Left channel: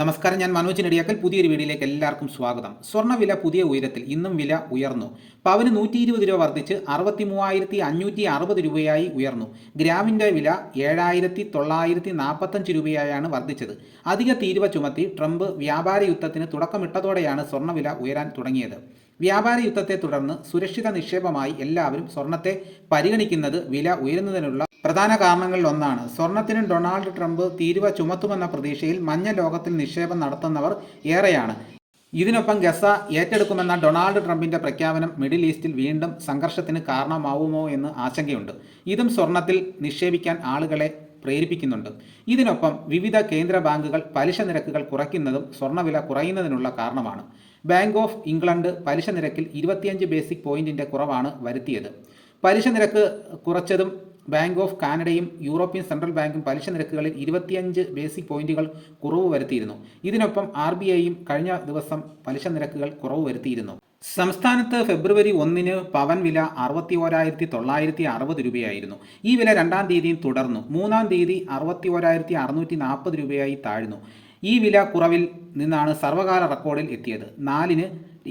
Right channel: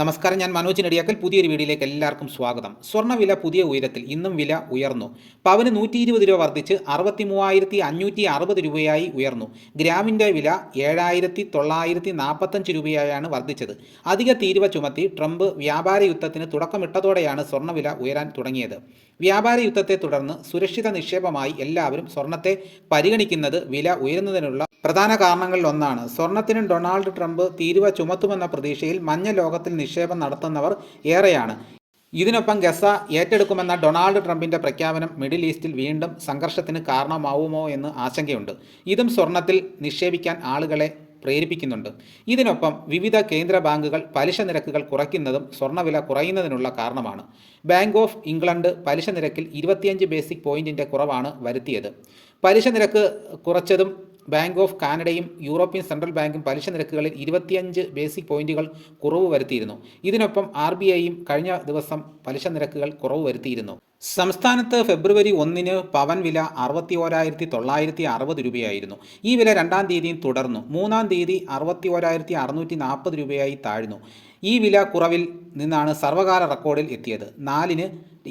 നമസ്കാരം ഞാൻ മനോജ് നെടിയാക്കൽ. പുതിയൊരു വീഡിയോയിലേക്ക് എല്ലാവർക്കും സ്വാഗതം. സ്വർണവില പുതിയ ഉയരത്തിൽ ഇന്നും വില ഉയർന്നു. പവന് നൂറ്റി ഇരുപത് രൂപ വർദ്ധിച്ച് അറുപത്തി മൂവായിരത്തി അഞ്ഞൂറ്റി അറുപത് രൂപയായി ഉയർന്നു. ഗ്രാമിന്റെ വില ഏഴായിരത്തി തൊള്ളായിരത്തി നാൽപ്പത്തഞ്ച് രൂപയായാണ് വർദ്ധിച്ചത്. അധിക തീരുവ ചുമത്തി ട്രംപ് വ്യാപാര യുദ്ധത്തിന് തുടക്കമിട്ടതോടെയാണ് സ്വർണവില ഉയരാൻ തുടങ്ങിയത്. വ്യാപാര യുദ്ധത്തെ തുടർന്ന് സുരക്ഷിത നിക്ഷേപമായി എല്ലാവരും സ്വർണത്തെ പരിഗണിക്കുന്നത് വില ഉയരുന്നതിനുള്ള പ്രധാന കാരണങ്ങളിലൊന്നാണ്. സ്വർണത്തിന് ഡൊണാൾഡ് ട്രംപ് തീരുവ ചുമത്തുമെന്ന പ്രതീക്ഷയിൽ മഞ്ഞ ലോകത്തിൽ നിക്ഷേപം നടത്തുന്നവർ ഏറെയാണ്. ഇതിനൊപ്പം ഗസ ഏറ്റെടുക്കുമെന്ന ഡൊണാൾഡ് ട്രംപിന്റെ പ്രഖ്യാപനം മിഡിൽ ഈസ്റ്റിൽ വീണ്ടും സംഘർഷത്തിന് കാരണമാവുമോ എന്ന് ആശങ്കയുണ്ട്. ഇതും സ്വർണത്തിൽ നിക്ഷേപിക്കാൻ ആളുകളെ പ്രേരിപ്പിക്കുന്നുണ്ട്. ഇതിനൊപ്പം വിവിധ കേന്ദ്ര ബാങ്കുകൾ പലിശ നിരക്കുകൾ കുറയ്ക്കുന്നതും സ്വർണവില കുറയുന്നതിനുള്ള കാരണമാണ്. ബാങ്ക് ഓഫ് ഇംഗ്ലണ്ട് പലിശ നിരക്കിൽ ഇരുപത്തിയഞ്ച് ബേസിക് പോയിന്റിന്റെ കുറവാണ് വരുത്തിയത്. പലിശ നിരക്ക് കുറച്ചതും ബാങ്ക് ഓഫ് കാനഡയും യൂറോപ്യൻ സെൻട്രൽ ബാങ്കും പലിശ നിരക്കുകളിൽ ഇരുപത്തിയഞ്ച് ബേസിക് പോയിന്റുകൾ കുറവ് വരുത്തിയിരുന്നു. ഇതിനൊപ്പം ആർ ബി ഐയും കഴിഞ്ഞ ദിവസം പലിശ നിരക്കുകൾ കുറവ് വരുത്തിയിരുന്നു. സംസ്ഥാനത്ത് ഫെബ്രുവരി ഒന്നിന് പവൻ വില അറുപത്തി ഓരായിരത്തി തൊള്ളായിരത്തി അറുപത് രൂപയായിരുന്നു. ഈ വില രണ്ടാം തീയതിയും തുടർന്നു. മൂന്നാം തീയതി അറുപത്തി ഓരായിരത്തി അറുന്നൂറ്റി നാൽപ്പത് രൂപയായി താഴ്ന്നു. ഈ വില കുറവിൽ നിന്നാണ് സർവകാല റെക്കോർഡിൽ എത്തിയത്. നാലിന്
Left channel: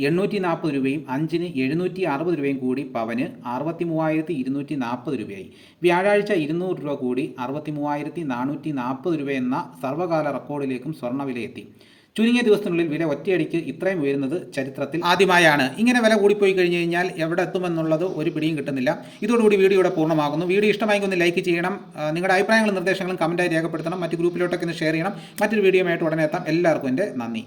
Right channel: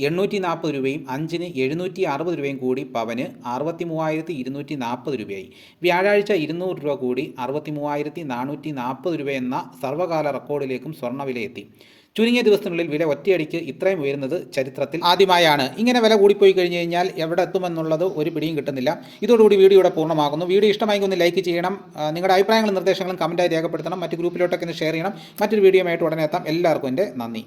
എണ്ണൂറ്റി നാൽപ്പത് രൂപയും അഞ്ചിന് എഴുന്നൂറ്റി അറുപത് രൂപയും കൂടി പവന് അറുപത്തി മൂവായിരത്തി ഇരുന്നൂറ്റി നാൽപ്പത് രൂപയായി. വ്യാഴാഴ്ച ഇരുന്നൂറ് രൂപ കൂടി അറുപത്തി മൂവായിരത്തി നാനൂറ്റി നാൽപ്പത് രൂപ എന്ന സർവകാല റെക്കോർഡിലേക്കും സ്വർണവില എത്തി ചുരുങ്ങിയ ദിവസത്തിനുള്ളിൽ വില ഒറ്റയടിക്ക് ഇത്രയും ഉയരുന്നത് ചരിത്രത്തിൽ ആദ്യമായാണ്. ഇങ്ങനെ വില കൂടിപ്പോയി കഴിഞ്ഞു കഴിഞ്ഞാൽ എവിടെ എത്തുമെന്നുള്ളത് ഒരു പിടിയും കിട്ടുന്നില്ല. ഇതോടുകൂടി വീഡിയോ ഇവിടെ പൂർണമാകുന്നു. വീഡിയോ ഇഷ്ടമായെങ്കിൽ ഒന്ന് ലൈക്ക് ചെയ്യണം. നിങ്ങളുടെ അഭിപ്രായങ്ങളും നിർദ്ദേശങ്ങളും കമന്റായി രേഖപ്പെടുത്തണം. മറ്റ് ഗ്രൂപ്പിലോട്ടൊക്കെ ഒന്ന് ഷെയർ ചെയ്യണം. മറ്റൊരു വീഡിയോ ആയിട്ട് ഉടനെ എത്താം. എല്ലാവർക്കും എന്റെ നന്ദി.